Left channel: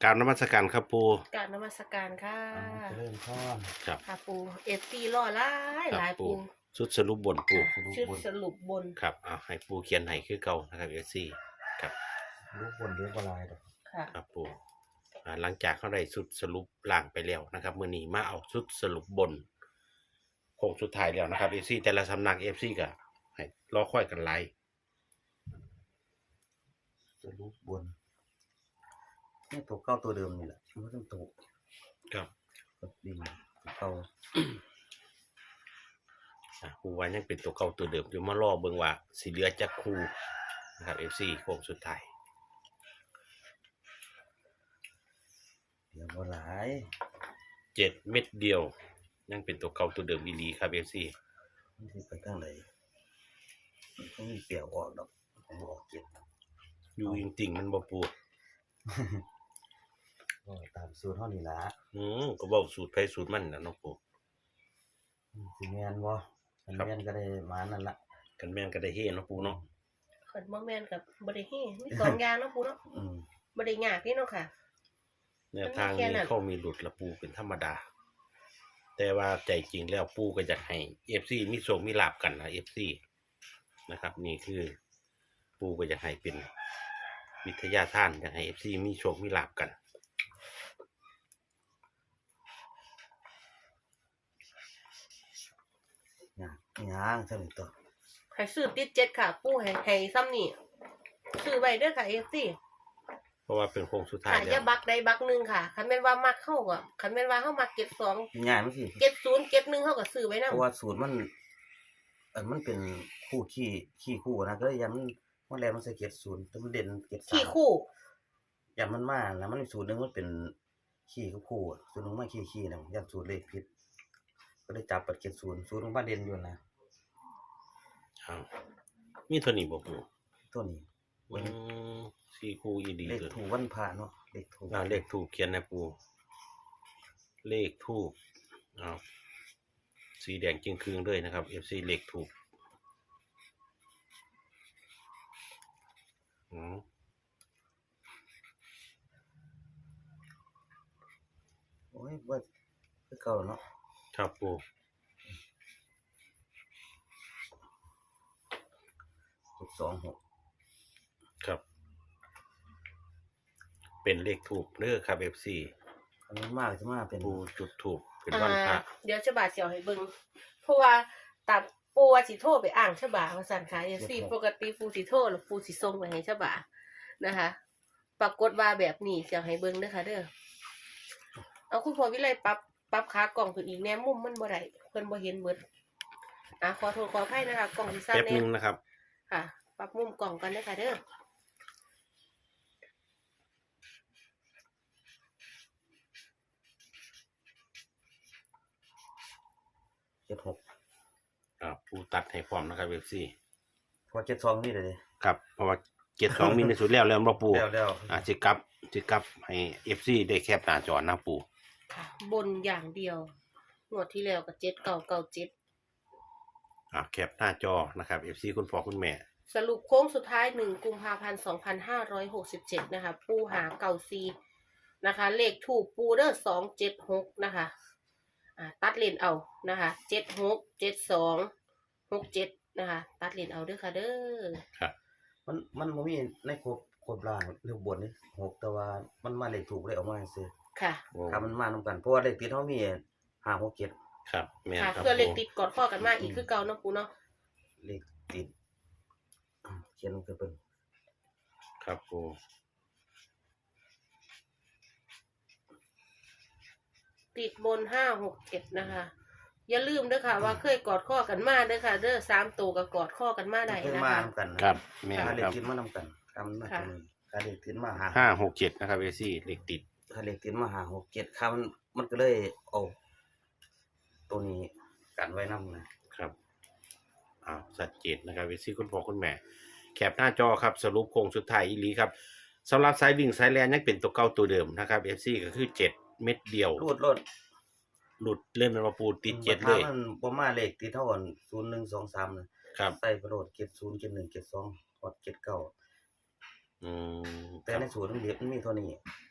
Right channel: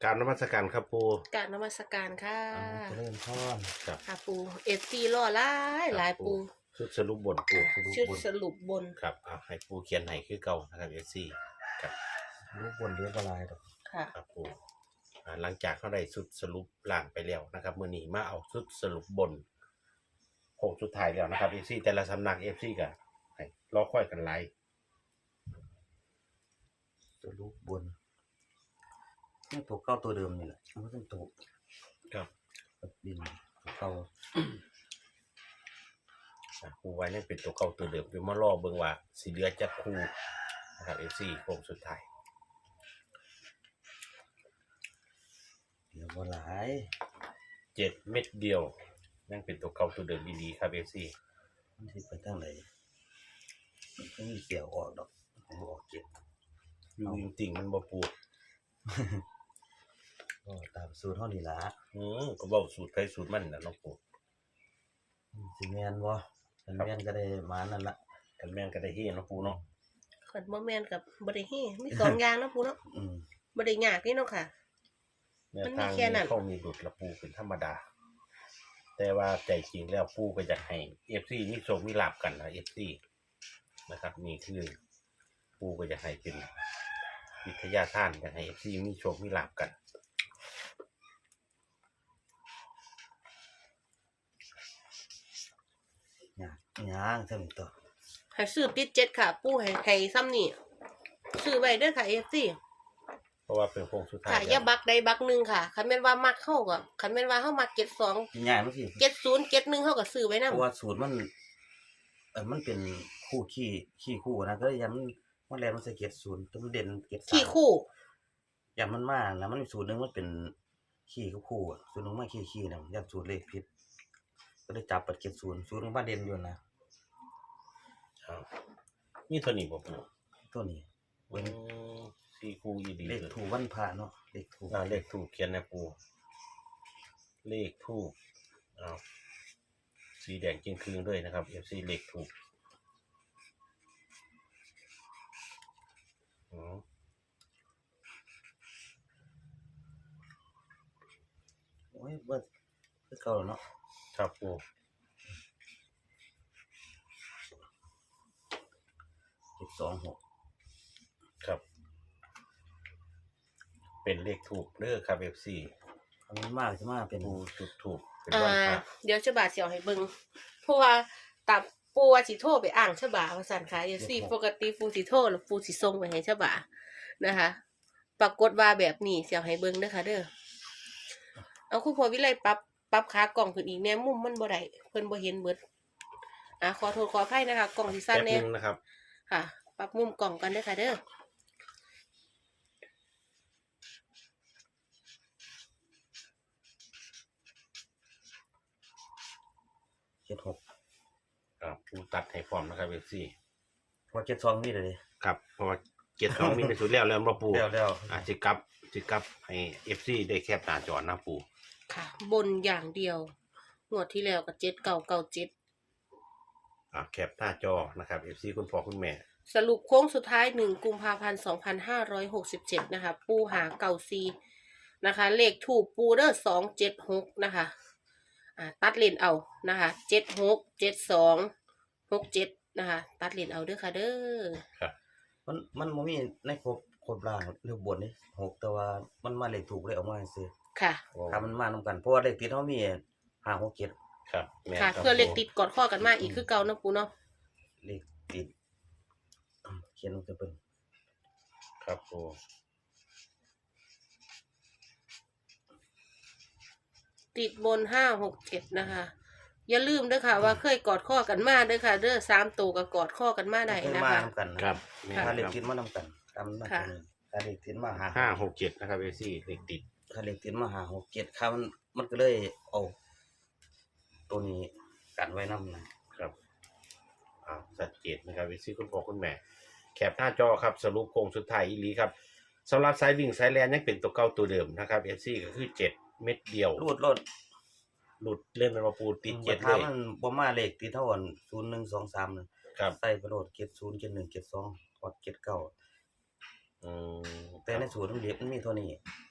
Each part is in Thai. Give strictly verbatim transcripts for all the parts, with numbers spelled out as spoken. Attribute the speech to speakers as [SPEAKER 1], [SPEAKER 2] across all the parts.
[SPEAKER 1] กราบนมัสการครับปู
[SPEAKER 2] กราบนมัสการค่ะ
[SPEAKER 3] อ่าเจริญพร
[SPEAKER 1] ครับ
[SPEAKER 2] ค่ะปูเอฟซีรอหลาย
[SPEAKER 1] ครับ
[SPEAKER 2] หลายปู
[SPEAKER 1] ชุดสรุปบนปู
[SPEAKER 3] สรุป
[SPEAKER 2] ชุด
[SPEAKER 3] บน
[SPEAKER 2] สรุปบน
[SPEAKER 1] ครับเอาให้ปูเขียนให้คือเก่านะครับเอฟซีครับ
[SPEAKER 3] รูปบนเรียบร้อยดอก
[SPEAKER 2] ค่ะ
[SPEAKER 1] ครับปูอ่าหลังจากเขาได้ชุดสรุปล่างไปแล้วนะครับมื้อนี้มาเอาชุดสรุปบนโค้งสุดท้ายแล้วนะครับเอฟซีแต่ละสำนักเอฟซีก็ให้รอค่อยกันไล่
[SPEAKER 3] สรุปบนนี่ตัวเก้าตัวเดิมนี่แหละมันต้องตัว
[SPEAKER 1] ครับ
[SPEAKER 3] กับดินเก่า
[SPEAKER 1] อ่าปูไว้ยังเป็นตัวเก่าตัวเดิมอยู่มารอเบิ่งว่าสิเหลือจักคู่นะครับเอฟซีโค้งสุดท้าย
[SPEAKER 3] เดี๋ยวบ่หลาย
[SPEAKER 1] เจ็ดเม็ดเดียว ยังเป็นตัวเก่าตัวเดิมดีๆครับเอฟซี
[SPEAKER 3] มันสิไปทางไหนมันต้องมีเสียวออกดอกผมบ่ออกเก็บ
[SPEAKER 1] อยู่จริงๆมันบ่ปู
[SPEAKER 3] ก็ตามสูตรเฮานี่ล่ะ
[SPEAKER 1] อืมก็เว้าสูตรไผสูตรมันน่ะเนาะปู
[SPEAKER 3] มันสิแม่นบ่มันแม่นก็ได้มานั่นล่ะ
[SPEAKER 1] กันแม่นก็ได้เฮเนาะปูเนาะ
[SPEAKER 2] ขันบ่แมนกับบริเฮมีสองอย่างเนาะปูเนาะ
[SPEAKER 3] อืม
[SPEAKER 2] บริยากนี่เนาะค่ะ
[SPEAKER 1] แนวทาง
[SPEAKER 2] มันมีแค่
[SPEAKER 1] นี้
[SPEAKER 2] นั้น
[SPEAKER 1] เขามีหลุดละปูเป็นธรรมดา แต่ว่าใจจริงแล้วปูก็อยากให้ เอฟ ซี มีโชคมีลาภกันนะ เอฟ ซี นะครับ นี่คือปูก็อยากให้เป็นวิทยาทานอยากให้ เอฟ ซี มีโชคมีลาภกัน
[SPEAKER 3] ยากยางซั่นตัว
[SPEAKER 2] ให้ซื้อติดเจ็ดค่ะ ปูให้ให้ซ้ำนี่ซื้อไว้เด้อค่ะเอฟซี
[SPEAKER 1] เพราะว่าเป็นโค้งสุดท้าย
[SPEAKER 2] ค่ะ
[SPEAKER 1] แล้
[SPEAKER 2] อย่าว บักใดบักหนึ่งค่ะคันแม่นว่ามักเข้าก็คันแม่นว่าเข้ามักเก็ดสอง
[SPEAKER 3] ง่ายมันสิ
[SPEAKER 2] เก็ดศูนย์เก็ดหนึ่งเข้าก็ซื้อไว้นำ
[SPEAKER 3] เพราะว่าสูตรมันเออมันเป็นคู่ขี้ขี้คู่นะก็เลยยันมันมันแลมันใส่เกรดศูนย์แต่มันเด่นเกรดสาม
[SPEAKER 2] ขี้คู่
[SPEAKER 3] ยันมันมาแล้วมันมีสูตรหนึงมันเป็นขี้กับคู่อะสูตรหนึงมาขี้ขี้นะยันสูตรเลขผิดก็ได้จับปัดเกรดศูนย์สูตรมันมาเด่นอยู่นะ
[SPEAKER 1] เอามีเท่านี้บ่ปู
[SPEAKER 3] ตัวนี้
[SPEAKER 1] อืมสี่คู่อีดี
[SPEAKER 3] เลข
[SPEAKER 1] เลย
[SPEAKER 3] ถูกวันพระเนาะเลขถูก
[SPEAKER 1] อ่าเลขถูกเขียนนะปูเลขถูกอ้าวสีแดงจริงคืนเลยนะครับ เอฟ ซี เลขถูกอืม
[SPEAKER 3] โอ้ยเบิดคือเก่าแล้วเนาะ
[SPEAKER 1] ครับปู
[SPEAKER 3] เจ็ดสองหก
[SPEAKER 1] ครับ เป็นเลขถูกเด้อครับ เอฟ ซี
[SPEAKER 3] อันนี้มากจะมาเป็น
[SPEAKER 1] ปูจุดถูกเป็น
[SPEAKER 2] อ่า
[SPEAKER 1] วันพระ
[SPEAKER 2] เดี๋ยวฉบาเสียวให้เบิ่งเพราะว่าตามปูว่าสิโทรไปอ่างฉบาว่าซั่นค่ะเอฟซีปกติปูสิโทรแล้วปูสิส่งไปให้ฉบานะคะ ปรากฏว่าแบบนี้เสียวให้เบิ่งเด้อค่ะเด้อเอาคุณพ่อวิไลปรับปรับขากล่องขึ้นอีกแน่มุมมันบ่ได้เพิ่นบ่เห็นเบิดอ่ะขอโทษขออภัยนะคะกล่องสิสั้น
[SPEAKER 1] แป๊บ
[SPEAKER 2] แน่
[SPEAKER 1] นึงนะครับ
[SPEAKER 2] ค่ะ ปรับมุมกล่องกันเด้อค่ะเด้อ
[SPEAKER 3] เจ็ดหก
[SPEAKER 1] อ่าปูตัดให้พร้อมนะครับ เอฟ ซี
[SPEAKER 3] พอเจ็ดสองนี่เลย
[SPEAKER 1] ครับเพราะว่าเกียรติของมีในสุดแล้วเริ่มบ่ปู
[SPEAKER 3] แล้วแล้ว
[SPEAKER 1] อ่าจิกลับจิกลับให้ เอฟ ซี ได้แคปหน้าจอนะปู
[SPEAKER 2] ค่ะ บนอย่างเดียวงวดที่แล้วก็เจ็ดเก้าเก้าเจ็ด
[SPEAKER 1] อ่าแคปหน้าจอนะครับ เอฟ ซี คุณพ่อคุณแม่
[SPEAKER 2] สรุปโค้งสุดท้ายหนึ่งกุมภาพันธ์สองพันห้าร้อยหกสิบเจ็ดนะคะ ปูหาเก่าซีนะคะ เลขถูกปูเด้อสองเจ็ดหกนะคะอ่าตัดเลนเอานะคะเจ็ดหกเจ็ดสองหกเจ็ดนะคะ ตัดเลนเอาเด้อค่ะเด้อ
[SPEAKER 1] ครับ
[SPEAKER 3] มันมันบ่มีในครบครบล่างหรือบนนี่หกแต่ว่ามันมาเลขถูกเลยออกมาซื่อ
[SPEAKER 2] ค่ะ
[SPEAKER 1] โอ้
[SPEAKER 3] ถ้ามันมานำกันเพราะว่าเลขติดเฮามีห้า หก เจ็ด
[SPEAKER 1] ครับแม่น
[SPEAKER 2] ค่ะ
[SPEAKER 1] ครับ
[SPEAKER 2] เพื่อเลขติดกอดข้อกันมาอีกคือเก่าเนาะปูเนาะ
[SPEAKER 3] เลขติดเขียนลงไปเบิ่ง
[SPEAKER 1] ครับปู
[SPEAKER 2] ติดบนห้าหกเจ็ดนะคะ อย่าลืมเด้อค่ะ ว่าเคยกอดข้อกันมาเด้อค่ะ เด้อสามตัวกับกอดข้อกันมาได้
[SPEAKER 3] เคย
[SPEAKER 2] นะ
[SPEAKER 3] มา
[SPEAKER 2] คะ
[SPEAKER 3] นำกันนะครับ
[SPEAKER 1] แม่น
[SPEAKER 3] ถ้าเล
[SPEAKER 1] ค
[SPEAKER 3] ข
[SPEAKER 1] รับ
[SPEAKER 3] ติดมานำกันถ้ามันมา
[SPEAKER 2] ค่ะ
[SPEAKER 3] ตัวนี้ถ้าเลขติดมาหา
[SPEAKER 1] ห้าหกเจ็ดนะครับ เอฟ ซี เลขติด
[SPEAKER 3] ถ้าเลขติดมาหา หก เจ็ดค่ามันมันก็เลยเอาตัวนี้กันไว้นำนะครับ
[SPEAKER 1] อ้าวสัดเจนนะครับ เอฟ ซี คุณพ่อคุณแม่ แคปหน้าจอครับสรุปโครงสุดท้ายอีหลีครับสำหรับสายวิ่งสายแลนยังเป็นตัวเก่าตัวเดิมนะครับ เอฟ ซี ก็คือเจ็ดเม็ดเดียว
[SPEAKER 3] รูดรถ
[SPEAKER 1] หลุดเล่นมาปูติดเจ็ด
[SPEAKER 3] ถ้า
[SPEAKER 1] เลย
[SPEAKER 3] มันบ่มาเลขติดเท่ากันศูนย์ หนึ่ง สอง สามนะครับ ใส่ไปโลดเจ็ดศูนย์ เจ็ดหนึ่ง เจ็ดสองกดเจ็ดเก้า
[SPEAKER 1] อืม
[SPEAKER 3] แต่ในสูตรมันเรียบมันมีเท่านี้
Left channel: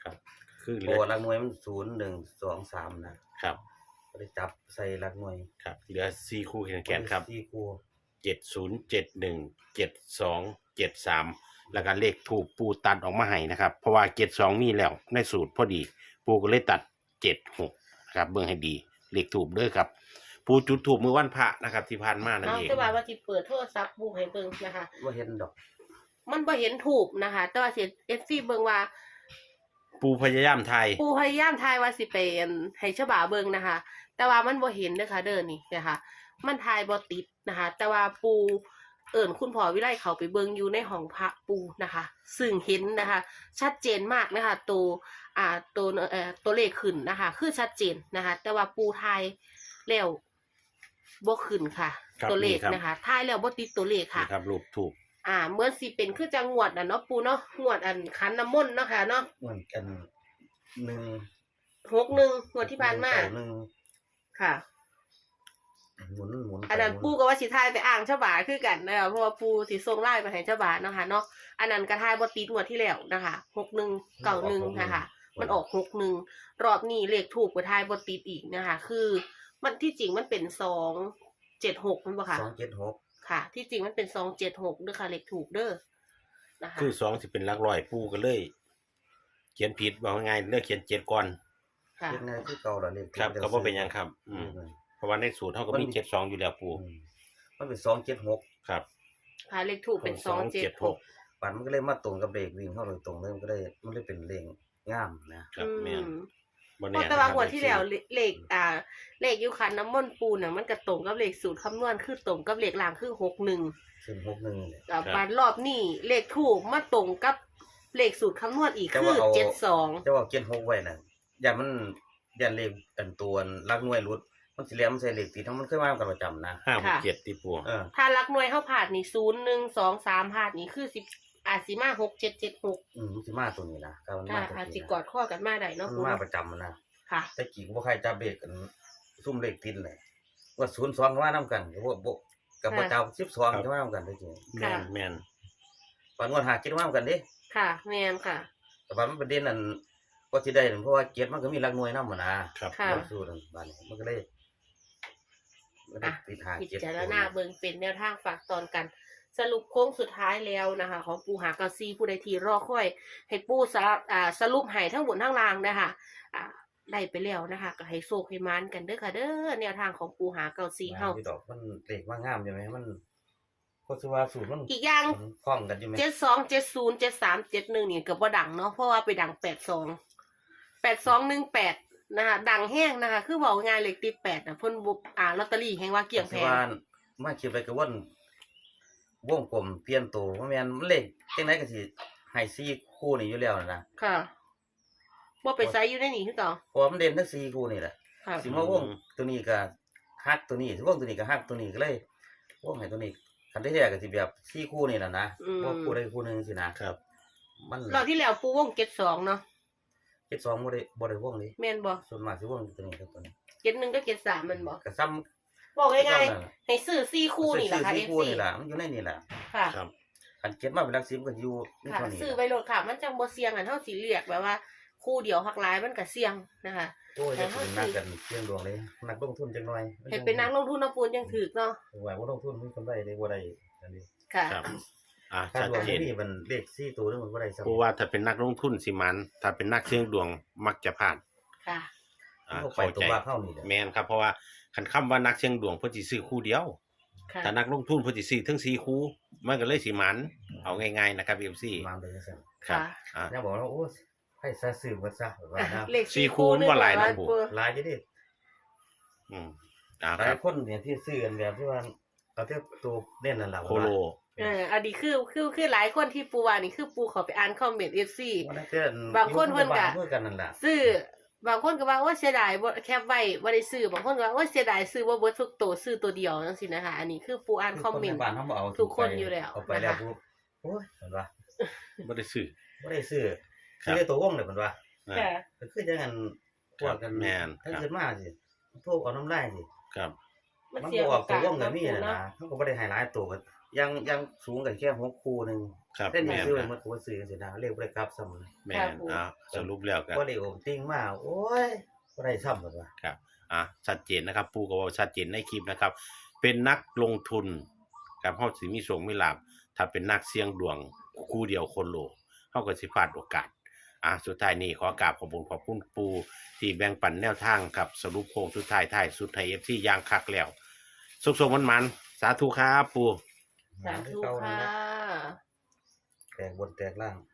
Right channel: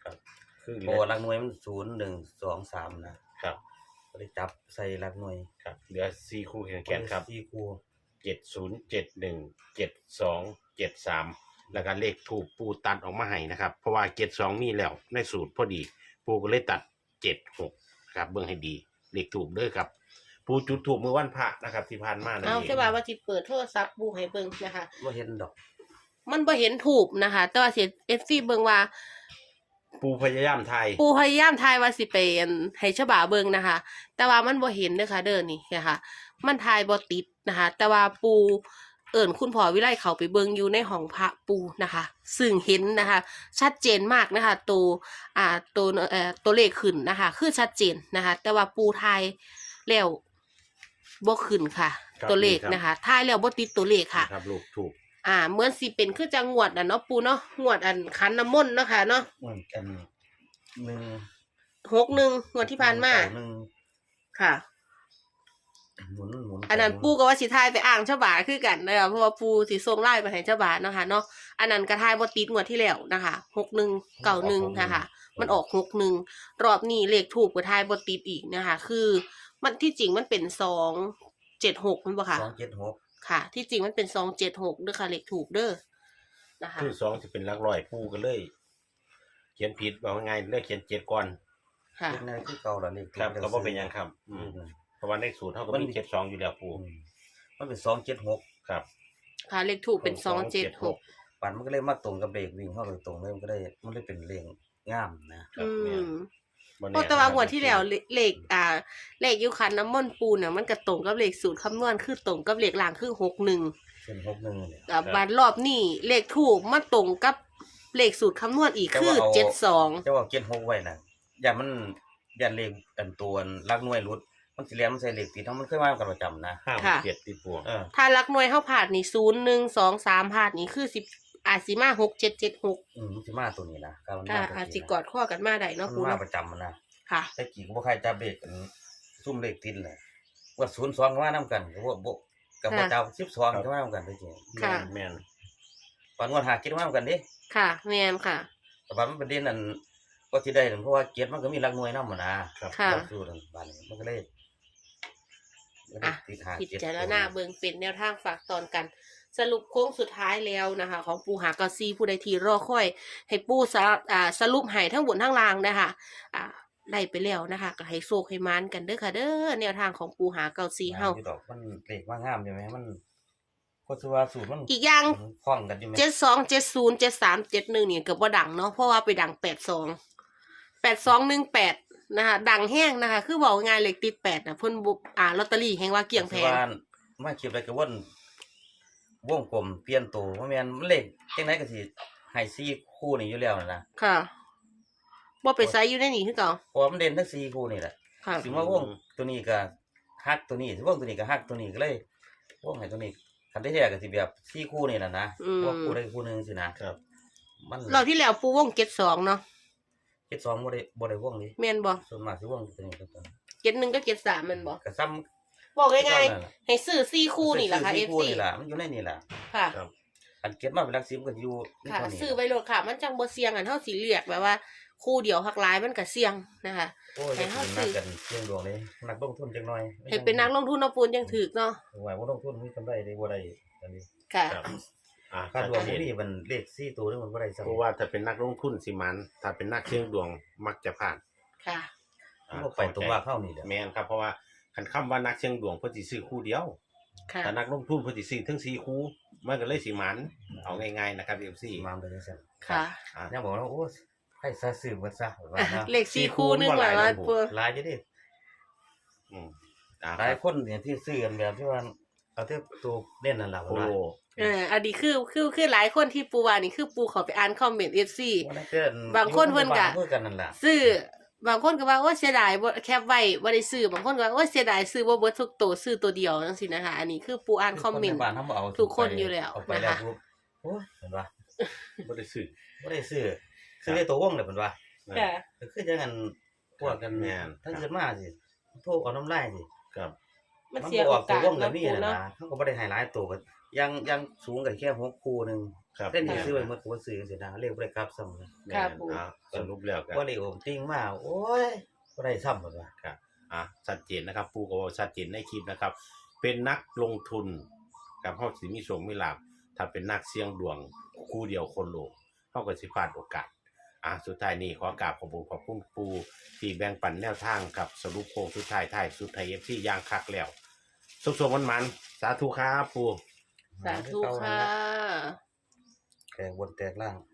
[SPEAKER 1] ครับคือเห
[SPEAKER 3] โอ้
[SPEAKER 1] ลือ
[SPEAKER 3] หลักหน่วยมันศูนย์ หนึ่ง สอง สามนะครับ ก็ได้จับใส่หลักหน่วย
[SPEAKER 1] ครับเหลือสี่คู่แขนๆครับ
[SPEAKER 3] สี่คู่
[SPEAKER 1] เจ็ดศูนย์ เจ็ดหนึ่ง เจ็ดสอง เจ็ดสามแล้วก็เลขถูกปูตัดออกมาให้นะครับเพราะว่าเจ็ดสองนี่แล้วในสูตรพอดีปูก็เลยตัดเจ็ดหกครับเบิ่งให้ดีเลขถูกเด้อครับปูจุดถูกเมื่อวันพระนะครับที่ผ่านมานั่น
[SPEAKER 2] เอา
[SPEAKER 1] เอง
[SPEAKER 2] ใช่ป่ะว่าสิเปิดโทรศัพท์บูให้เบิ่งนะคะ
[SPEAKER 3] บ่เห็นดอก
[SPEAKER 2] มันบ่เห็นถูกนะคะ แต่ว่าสิ เอฟ ซี เบิ่งว่า
[SPEAKER 1] ปูพยายามไทย
[SPEAKER 2] ปูพยายามทายว่าสิไปอันให้ฉบาเบิ่งนะคะ แต่ว่ามันบ่เห็นเด้อค่ะเด้อนี่นะคะมันทายบ่ติดนะคะ แต่ว่าปูเอิ่นคุณพ่อวิไลเขาไปเบิ่งอยู่ในห้องพระปูนะคะ ซึ่งเห็นนะคะ ชัดเจนมากนะคะตัวอ่าตัวเอ่อตัวเลขขึ้นนะคะ คือชัดเจนนะคะ แต่ว่าปูทายแล้วบ่ขึ้นค่ะ
[SPEAKER 1] ครับ
[SPEAKER 2] ตัวเลข
[SPEAKER 1] นี่ครับ
[SPEAKER 2] นะคะทายแล้วบ่ติดตัวเลขค่ะ
[SPEAKER 1] นะครับลูกถูก
[SPEAKER 2] อ่าเหมือนสิเป็นคือจังงวดน่ะเนาะปูเนาะงวดอันคันน้ำมนต์เนาะค่ะเนาะ
[SPEAKER 3] เหมือนกันหนึ่ง
[SPEAKER 2] หกหนึ่งงวดที่ผ่านมา
[SPEAKER 3] เก้หนึ่ง
[SPEAKER 2] ค่ะ
[SPEAKER 3] หมุนหมุน
[SPEAKER 2] อันนั้น
[SPEAKER 3] ไปหมุ
[SPEAKER 2] ปูก็ว่าสิทายไปอ่างเจ้าบ่าคือกันนะคะเพราะว่าปูสิส่งไล่ไปให้เจ้าบ่าเนาะค่ะเนาะอันนั้นกระทายบ่ติดงวดที่แล้วนะคะหกหนึ่งเก้าหนึ่งนะคะมันออกหกหนึ่งรอบนี้เลขถูกกระทายบ่ติดอีกนะคะคือมันที่จริงมันเป็นสองเจ็ดหกมันบ่ค่ะ
[SPEAKER 3] สองเจ็ดหก
[SPEAKER 2] ค่ะ ที่จริงมันเป็นสองเจ็ดหกเด้อค่ะเลขถูกเด้อนะคะ
[SPEAKER 1] คือสองสิเป็นหลักร้อยปูก็เลย เขียนผิดบอกง่ายๆเลือกเขียนเจ็ดก่อน
[SPEAKER 2] ค่ะ
[SPEAKER 3] เลขนั้นคือเก่าแล้วเลข
[SPEAKER 1] ครับก็บ่เป็นหยังครับ อืมเพราะว่าในสูตรเท่ากับมีเจ็ดสองอยู่แล้วปู
[SPEAKER 3] อืมมันเป็นสองเจ็ดหก
[SPEAKER 1] ครับ
[SPEAKER 2] ค่ะเลขถูกเป็นสองเจ็ดหก
[SPEAKER 3] ปันมันก็เลยมาตรงกับเลขวิ่งเข้าโดยตรงเลยมันก็ได้มันเลยเป็นเลขงามนะครับ
[SPEAKER 1] แม่น
[SPEAKER 2] อืม
[SPEAKER 1] บ่
[SPEAKER 2] โอ้
[SPEAKER 1] แน่
[SPEAKER 2] แต่ว่า
[SPEAKER 1] นะครับ
[SPEAKER 2] งวดที่แล้วเลเลขอ่าเลขอยุคันน้ำมนต์ปูเนี่ยมันก็ตรงกับเลขสูตรคำนวณคือตรงกับเลขล่างคือหกหนึ่ง
[SPEAKER 3] เส้นหกหนึ่งเนี่ย
[SPEAKER 2] แต่บานรอบนี้เลขถูกมาตรงกับเลขสูตรคำนวณอีก
[SPEAKER 3] แต่
[SPEAKER 2] คื
[SPEAKER 3] ว่า
[SPEAKER 2] อ
[SPEAKER 3] เอา
[SPEAKER 2] เจ็ดสอง
[SPEAKER 3] จะว่าเจ็ดหกไว้น่ะอย่ามันอย่าเลขอันตัวลักหน่วยรุดมันสิเรียนมันใส่เลขติดทั้งมันเคยมากันประจำนะ
[SPEAKER 1] ห้าหกเจ็ดที่ปู
[SPEAKER 3] เออ
[SPEAKER 2] ถ้าลักหน่วยเข้าผ่านนี่ศูนย์หนึ่งสองสามผ่านนี่คือสิบอาจสิมาหกเจ็ดเจ็ดหก
[SPEAKER 3] อืมมันสิมาตัวนี้นะการมัน
[SPEAKER 2] ค่ะ
[SPEAKER 3] มาตัว
[SPEAKER 2] อาจสิ
[SPEAKER 3] นี้
[SPEAKER 2] กอดข้อกันมาได้เนาะ
[SPEAKER 3] มัน
[SPEAKER 2] ปู
[SPEAKER 3] มา
[SPEAKER 2] เนาะ
[SPEAKER 3] ประจำมันนะ
[SPEAKER 2] ค่ะ
[SPEAKER 3] แต่กี่ก็บ่ใครจับเลขกันซุ่มเลขติดเลยว่าศูนย์สองก็มานํกันก็บ่บ่กับบ่จับสิบสองก็มานํกันได้จริง
[SPEAKER 1] แม่นแม่น
[SPEAKER 3] ปานงวดหาเก็ดมานํกันเด้
[SPEAKER 2] ค่ะแมนค่ะ
[SPEAKER 3] แต่ว่ามันประเด็นนั้นก็สิได้นั่นเพราะว่าเก็ดมันก็มีหลักหน่วยนำหมดนะครับ
[SPEAKER 2] ค่ะ
[SPEAKER 3] รับสู้นั่นบาดนี้มันก็เลยมันก็
[SPEAKER 2] อ่ะ
[SPEAKER 3] ติดหา
[SPEAKER 2] พิ
[SPEAKER 3] เก็ด
[SPEAKER 2] จารณาเบิ่งเป็นแนวทางฝากตอนกัน สรุปโค้งสุดท้ายแล้วนะคะ ของปูหาเกาซีผู้ใดทีรอค่อย ให้ปูสรุปอ่าสรุปให้ทั้งบนทั้งล่างนะคะอ่าได้ไปแล้วนะคะก็ให้โชคให้มานกันเด้อค่ะ เด้อแนวทางของปูหาเกาซีเฮา
[SPEAKER 3] อยู่ดอกมันเลขมางามใช่ไหมมันก็สิว่าสูตรมัน
[SPEAKER 2] อีกอย่าง
[SPEAKER 3] มันคล้องกันอยู่ไหม
[SPEAKER 2] เจ็ดสองเจ็ดศูนย์เจ็ดสามเจ็ดหนึ่งเนี่ยเกือบว่าดังเนาะเพราะว่าไปดังแปดสองแปดสองหนึ่งแปดนะคะดังแห้งนะคะ คือบอกง่ายเลขติดแปดนะเพิ่นบุอ่าลอตเตอรี่แห่งว่าเกี่ยงแพ
[SPEAKER 3] สิ
[SPEAKER 2] ง
[SPEAKER 3] ว่ามาคิดไปก็ว่นวงกลมเปลี่ยนตัวบ่แม่นมันเลขจังไดก็สิให้สี่คู่นี่อยู่แล้วนั่นนะ
[SPEAKER 2] ค่ะว่าไปไซส์อยู่ในนี่คือเก่า
[SPEAKER 3] เพราะว่ามันเด่นทั้งสี่คู่นี่แหละ
[SPEAKER 2] ค่ะ
[SPEAKER 3] สิมาวงตัวนี้ก็ฮักตัวนี้สิวงตัวนี้ก็ฮักตัวนี้ก็เลยวงให้ตัวนี้คันได้แท้ก็สิแบบสี่คู่นี่น่ะนะวงคู่ใดคู่หนึงสินะครับ มัน
[SPEAKER 2] เราที่แล้วปูวงเจ็ดสองเนาะ
[SPEAKER 3] เจ็ดสองบ่ได้บ่ได้วงนี่
[SPEAKER 2] แม่นบ่
[SPEAKER 3] ส่วนมากสิวงตัวนี้กับตัวนี้
[SPEAKER 2] เจ็ดหนึ่งก็เจ็ดสามแมันบ่
[SPEAKER 3] ก็ซ้ำ
[SPEAKER 2] บอกง่าย
[SPEAKER 3] นั่นล่ะ
[SPEAKER 2] ๆให้ซื้อสี่คู่นี่แหละค่ะ
[SPEAKER 3] สี่
[SPEAKER 2] เอฟ
[SPEAKER 3] คู่
[SPEAKER 2] ซี
[SPEAKER 3] นี่ล่ะมันอยู่ในนี่ล่ะ
[SPEAKER 2] ค่ะ
[SPEAKER 1] ครับ
[SPEAKER 3] อันเก็บมาเป็นหลักสิบก็อยู่นี่
[SPEAKER 2] ค่ะ
[SPEAKER 3] เท่านี้
[SPEAKER 2] ซื้อไว้โลดค่ะ มันจังบ่เสี่ยงอันเท่าสีเรียกแบบว่า คู่เดียวหักหลายมันก็เสี่ยงนะคะ
[SPEAKER 3] โอ้ยจะเป็นนักกันเสี่ยงดวงเลยนักลงทุนจังหน่อย
[SPEAKER 2] ให้เป็นนักลงทุนเอาปูนยังถือเนาะ
[SPEAKER 3] ว่าบ่ลงทุนมีกำไรได้บ่ได้อันนี้
[SPEAKER 2] ค่ะ
[SPEAKER 1] ครับอ่า
[SPEAKER 3] ค่า
[SPEAKER 1] ชัด
[SPEAKER 3] ดวง
[SPEAKER 1] เจ
[SPEAKER 3] บ่
[SPEAKER 1] น
[SPEAKER 3] มีมันเลขสี่ตัวนึงมันบ่ได้ซ้ำ
[SPEAKER 1] เพราะว่าถ้าเป็นนักลงทุนสิมันถ้าเป็นนักเสี่ยงดวงมักจะพลาด
[SPEAKER 2] ค่ะ
[SPEAKER 1] อ่า
[SPEAKER 3] บ่ไปตัวว่าเข้านี่แหละ
[SPEAKER 1] แม่นครับเพราะว่าคันคำว่านักเสี่ยงดวงเพิ่นสิซื้อคู่เดียว
[SPEAKER 2] ค่ะ
[SPEAKER 1] ถ้านักลงทุนเพิ่นสิซื้อทั้งสี่คู่มันก็เลยสิมันเอาง่ายๆนะครับ เอฟ ซี
[SPEAKER 3] มาไปจังซั่น
[SPEAKER 2] ค่ะ
[SPEAKER 1] อ่า
[SPEAKER 3] ยังบอกว่าโอ้ยให้ซะซื้อเบิดซะว่านะ
[SPEAKER 2] เลขสี่คู่หนึง
[SPEAKER 1] สี่คู่มันบ่หลาย
[SPEAKER 2] ร้อย
[SPEAKER 1] นะผม
[SPEAKER 2] ปู
[SPEAKER 3] หลายอยู่ดิ
[SPEAKER 1] อืมอ่า
[SPEAKER 3] ห
[SPEAKER 1] ค
[SPEAKER 3] ลาย
[SPEAKER 1] รับ
[SPEAKER 3] คนเนี่ยที่ซื้อกันแบบที่ว่าเอาแต่ตัวเล่นนั่นล่ะ
[SPEAKER 1] โค
[SPEAKER 3] ว่า
[SPEAKER 1] โล
[SPEAKER 2] เอออันนี้คือคือคือหลายคนที่ปูว่านี่คือปูเขาไปอ่านคอมเมนต์ เอฟ ซี
[SPEAKER 3] ว่านั่นเกิน
[SPEAKER 2] บางคนเพิ่นก็
[SPEAKER 3] เพื่อกันนั่นล่ะ
[SPEAKER 2] ซื้อบางคนก็ว่าโอ้เสียดายบ่แคปไว้บ่ได้ซื้อบางคนก็ว่าโอ้เสียดายซื้อบ่เบิดทุกตัวซื้อตัวเดียวจังซี่นะคะ อันนี้คือปูอ่านคอมเมนต์
[SPEAKER 3] บ้านเฮาบ่เอา
[SPEAKER 2] ทุกคนอยู่แล้ว
[SPEAKER 3] เอาไปแล้ว
[SPEAKER 2] นะคะ
[SPEAKER 3] ปุ๊บโอ้ยเห็นว่า
[SPEAKER 1] บ่ได้ซื้อ
[SPEAKER 3] บ่ได้ซื้อ
[SPEAKER 1] ครับ
[SPEAKER 3] ซื้อได้ตัววงเลยเพิ่นว่า
[SPEAKER 1] อ่า
[SPEAKER 2] ค่ะ
[SPEAKER 3] ก็คือจังนั้นพวกกัน
[SPEAKER 1] แม่น
[SPEAKER 3] ถ้า
[SPEAKER 1] ครับ
[SPEAKER 3] เกิดมาสิโทรเอาน้ำลายสิ
[SPEAKER 1] ครับ
[SPEAKER 2] มัน
[SPEAKER 3] มัน
[SPEAKER 2] เสีย
[SPEAKER 3] บ่อ
[SPEAKER 2] โอ
[SPEAKER 3] อกตัว
[SPEAKER 2] กาส
[SPEAKER 3] วงก็มี
[SPEAKER 2] เนาะ
[SPEAKER 3] น่ะนะเขาก็บ่ได้ให้หลายตัวก็ยังยังสูงกันแค่หกคู่หนึง
[SPEAKER 1] ครับ
[SPEAKER 3] เส้น
[SPEAKER 1] แม่
[SPEAKER 3] นี้
[SPEAKER 1] น
[SPEAKER 3] ซื้อไว้หมดตัวซื้อจังซี่นะเลขบ่ได้กลับซ้ำเลย
[SPEAKER 1] แม่นอ่าสรุปแล้วกัน
[SPEAKER 3] ว่าเลขโอมติ้งมาโอ้ยบ่ได้ซ้ำหมดว่ะ
[SPEAKER 1] ครับอ่ะชัดเจนนะครับปูก็ว่าชัดเจนในคลิปนะครับ เป็นนักลงทุนกับเฮาสิมีโชคมีลาภถ้าเป็นนักเสี่ยงดวงคู่เดียวคนโลกเฮาก็สิพลาดโอกาสอ่ะสุดท้ายนี้ขอกราบขอบคุณขอบคุณปูที่แบ่งปันแนวทางกับสรุปโค้งสุดท้ายท้ายสุดไทย เอฟ ซี อย่างคักแล้วสุขสมมันๆสาธุครับปู
[SPEAKER 2] สาธุค่ะ
[SPEAKER 3] แตกบนแตกล่าง